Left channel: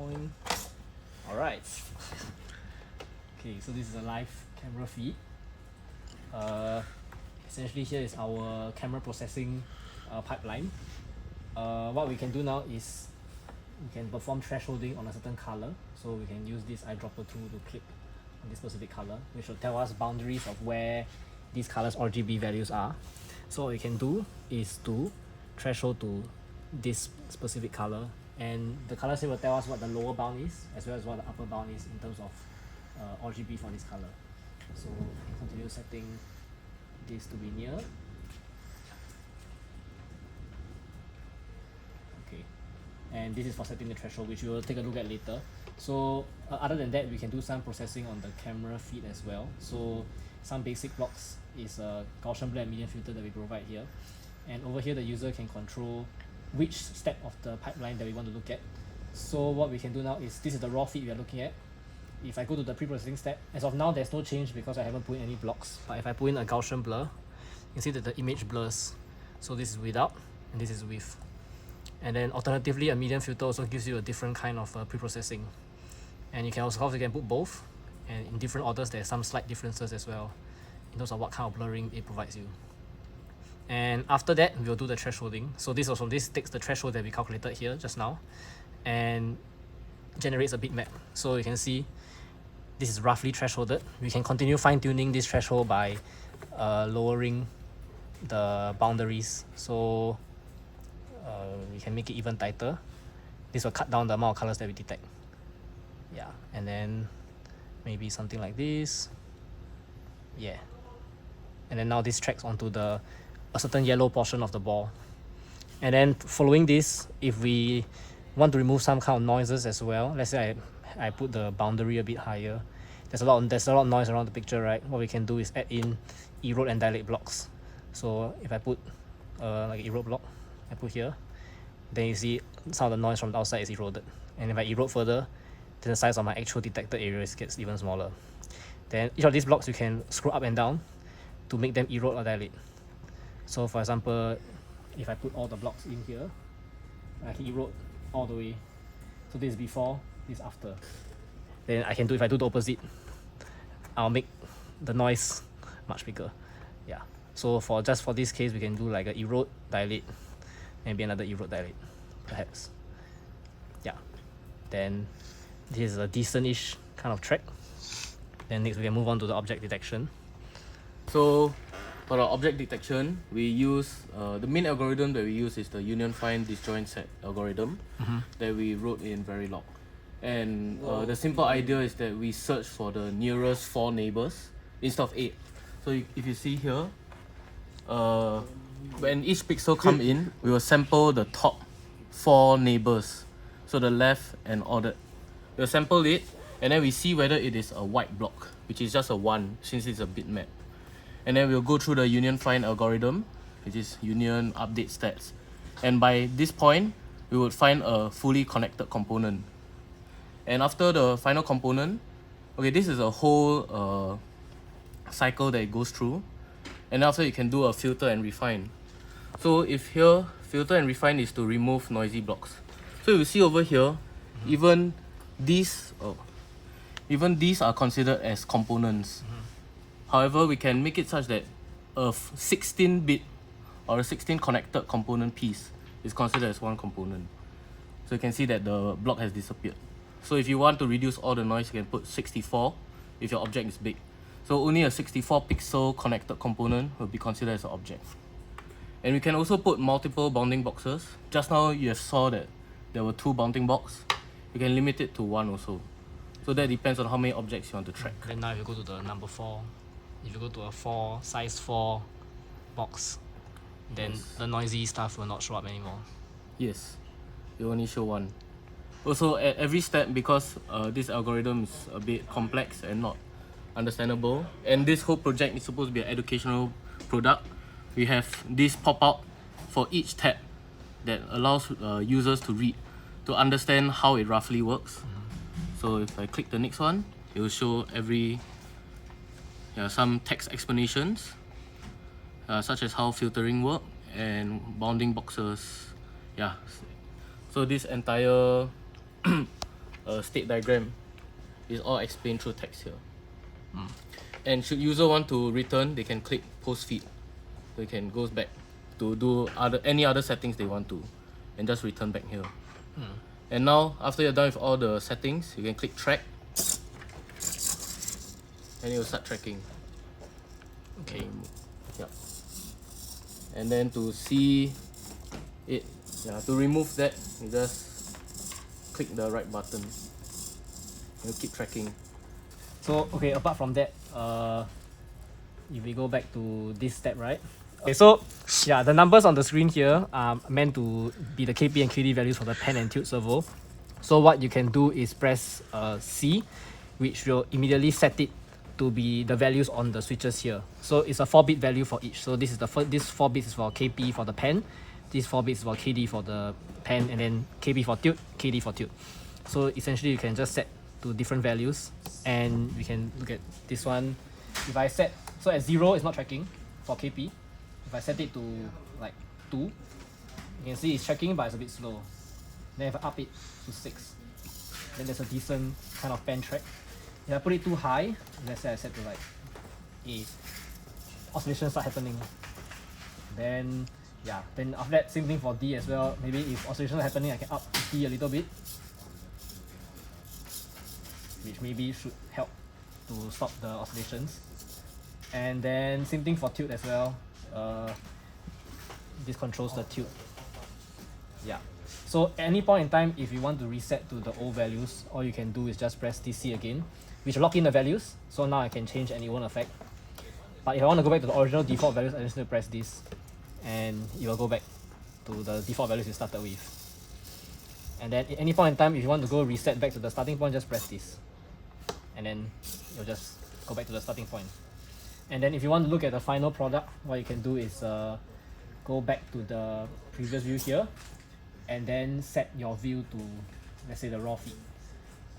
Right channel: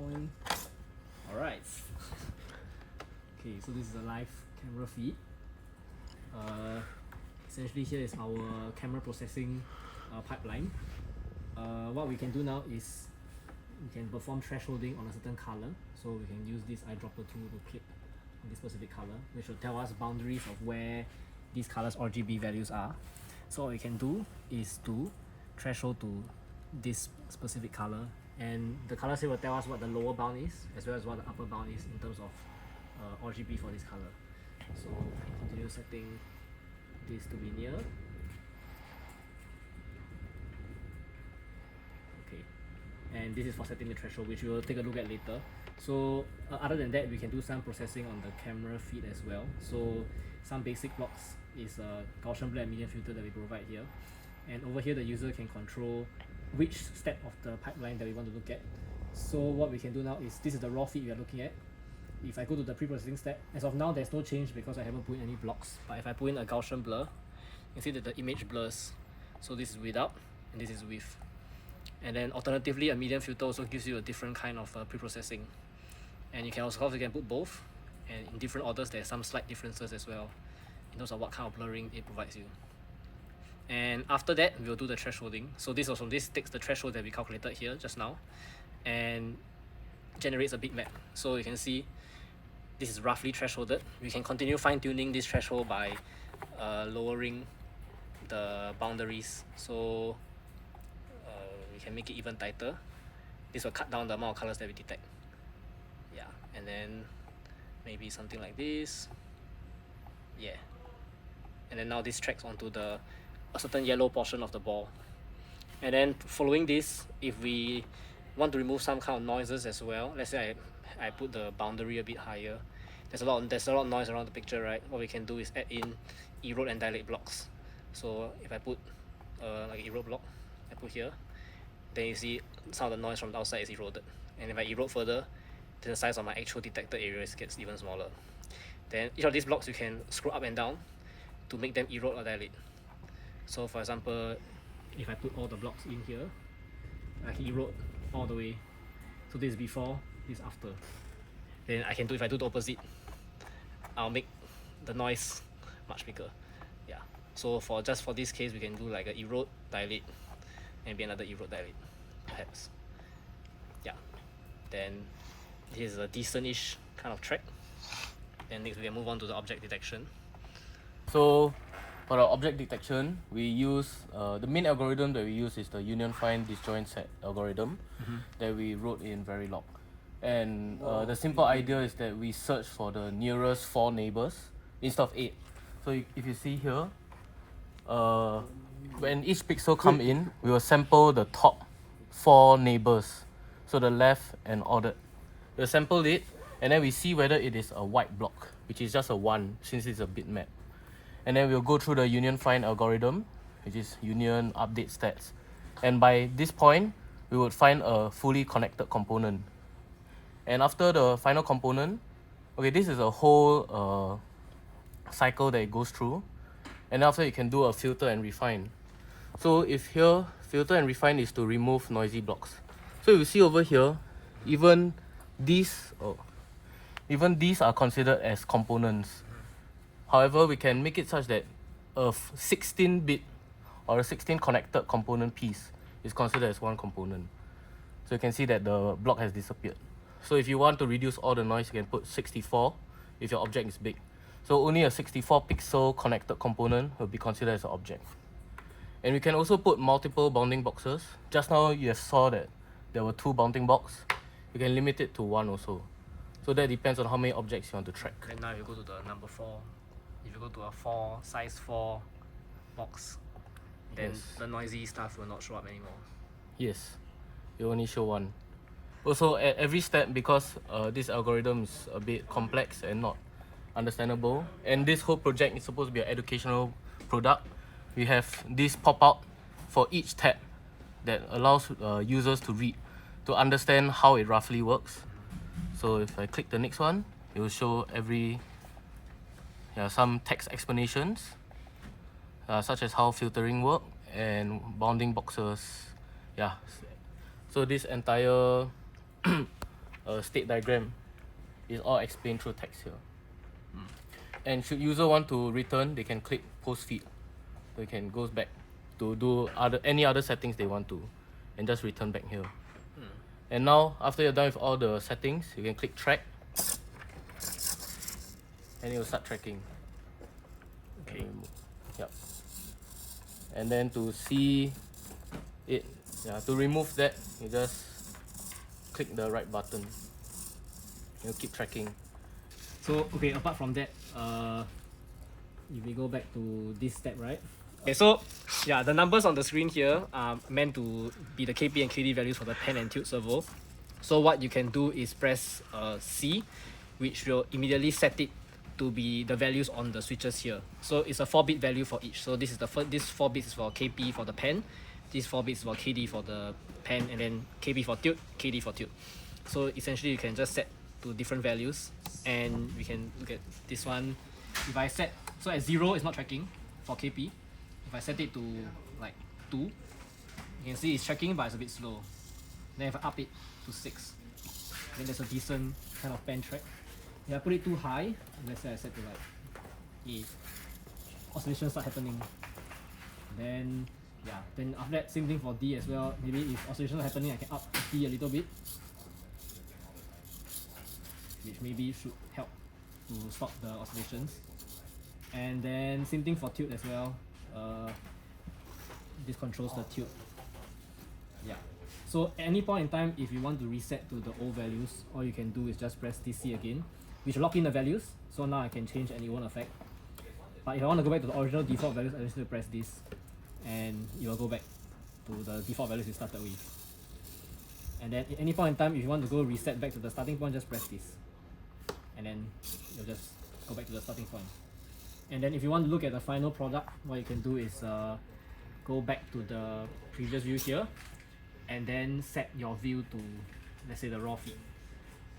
point. Alright. Okay, so this is a live camera feed. Essentially here is our camera processing pipeline. What we can do now is we can perform thresholding on a certain color. So we can use this eyedropper tool to click on this specific color, which will tell us boundaries of where these colors RGB values are. So what we can do is to threshold to this specific color, and the color here will tell us what the lower bound is as well as what the upper bound is in terms of RGB for this color. So continue setting this to be near. Okay, and this is for setting the threshold, which we will take a look at later. So other than that, we can do some processing on the camera feed as well. So some basic blocks is a Gaussian blur and median filter that we provide here, and over here the user can control which step of the pipeline that we want to look at. So what we can do now is, this is the raw feed we are looking at. If I go to the pre-processing step, as of now there's no change because I haven't put in any blocks, but if I put in a Gaussian blur, you can see that the image blurs. So this is without and this is with. And then alternatively, a median filter also gives you a different kind of pre-processing, and you can also put both, and in different orders there's some slight differences as well in terms of what kind of blurring it provides you. And after that, we'll do the thresholding. So this takes the threshold that we calculated here just now and generates a bitmap. So you can see this is roughly thresholded. We can continue fine-tuning this threshold by lowering the boundaries. So we can make it even tighter. This will cut down the amount of colors that we detect. Yeah, and then maybe something like this. Yeah, and then now this tracks onto a certain yellow portion of the ball. And then following this, if we want to remove some kind of noises as well, let's say I put the boundary a bit higher, there's a lot of noise around the picture, right? What we can do is add in erode and dilate blocks. So if I put like an erode block, I put here, then you see some of the noise from the outside is eroded. And if I erode further, then the size of my actual detected areas gets even smaller. Then each of these blocks you can scroll up and down to make them erode or dilate. So for example, if I put all the blocks in here, I can erode all the way. So this is before, this is after. Then I can do, if I do the opposite, I'll make the noise much bigger. Yeah. So for this case, we can do like an erode, dilate, maybe another erode, dilate, perhaps. Yeah. Then this is a decent-ish kind of track. Then next we can move on to the object detection. So for the object detection, we use the main algorithm that we use is the union find disjoint set algorithm that we wrote in Verilog. And the simple idea is that we search for the nearest 4 neighbors instead of 8. So if you see here, when each pixel come in, we will sample the top 4 neighbors, so the left and ordered. We'll sample it, and then we see whether it is a white block, which is just a 1 since it's a bitmap. And then we'll go through the union find algorithm, which is union update stats. And by this point, we would find a fully connected component. And after the final component, okay, this is a whole cycle that it goes through. And after you can do a filter and refine. So if here, filter and refine is to remove noisy blocks. So you see over here, even these are considered as components. However, we can make it such that a 16-bit or a 16 connected component piece is considered as one component. So you can see that the block has disappeared. So if you want to reduce all the noise, you can put 64 if your object is big. So only a 64 pixel connected component will be considered as an object. And we can also put multiple bounding boxes. Just now you have saw that there were 2 bounding boxes. You can limit it to 1 also. So that depends on how many objects you want to track. Then now if you go to the number 4, if you go to a size 4 box, then the noisy stuff will not show up anymore. Yes, it will only show 1. Also, at every step, because this algorithm is a bit complex and not understandable, and this whole project is supposed to be an educational product, we have this pop-up for each tab that allows users to read, to understand how it roughly works. So if I click the next one, it will show some text explanations, such as how filtering work and bounding boxes. Yeah. So this entire state diagram. It's all explained through text here. And should user want to return, they can click post feed. So you can go back to do any other settings they want to, and just return back here. And now, after you're done with all the settings, you can click track, and it will start tracking. Okay. Yep. And then to see it, to remove that, you just click the right button. You'll keep tracking. So okay, apart from that, if we go back to this step, right? Okay, so yeah, the numbers on the screen here are meant to be the KP and KD values for the pen and tilt servo. So what you can do is press C, which will immediately set it to be the values on the switches here. So it's a 4-bit value for each. So this is this 4 bits is for KP for the pen, this 4 bits is for KD for the pen, and then KP for tilt, KD for tilt. So essentially you can just set to different values, and we can look at this one. If I set, so at 0 it's not tracking for KP. If I set it to like 2, you can see it's tracking but it's a bit slow. Then if I up it to 6, then there's a decent kind of pen track. If I put it too high, let's say I set to like 8, oscillations start happening. Then yeah, then after that same thing for D as well. Maybe if oscillations are happening, I can up D a little bit, which maybe should help to stop the oscillations. And then same thing for tilt as well. This controls the tilt. Yeah. So at any point in time, if you want to reset to the old values, all you can do is just press DC again, which will lock in the values. So now I can change and it won't affect. But if I want to go back to the original default values, I just need to press this, and it will go back to the default values you started with. And then at any point in time, if you want to go reset back to the starting point, just press this, and then you'll just go back to the starting point. And then if you want to look at the final product, what you can do is go back to the previous view here, and then set your view to, let's say, the raw feed.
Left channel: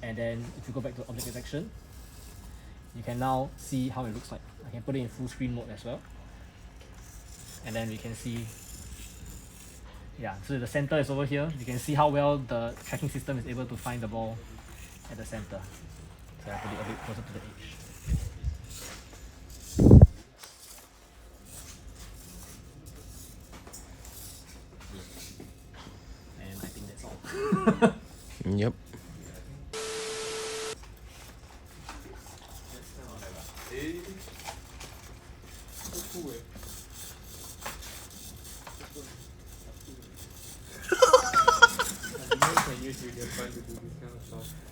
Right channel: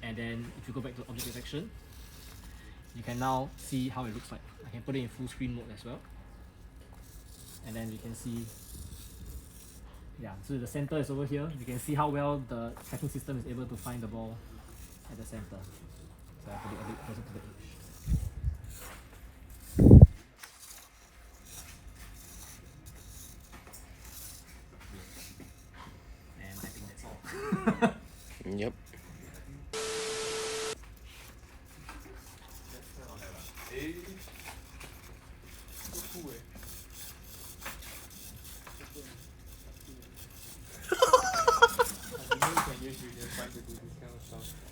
And then if you go back to object detection, you can now see how it looks like. I can put it in full screen mode as well, and then we can see, yeah, so the center is over here. You can see how well the tracking system is able to find the ball at the center. So I put it a bit closer to the edge. And I think that's all. Yep. You can find to do this kind of stuff.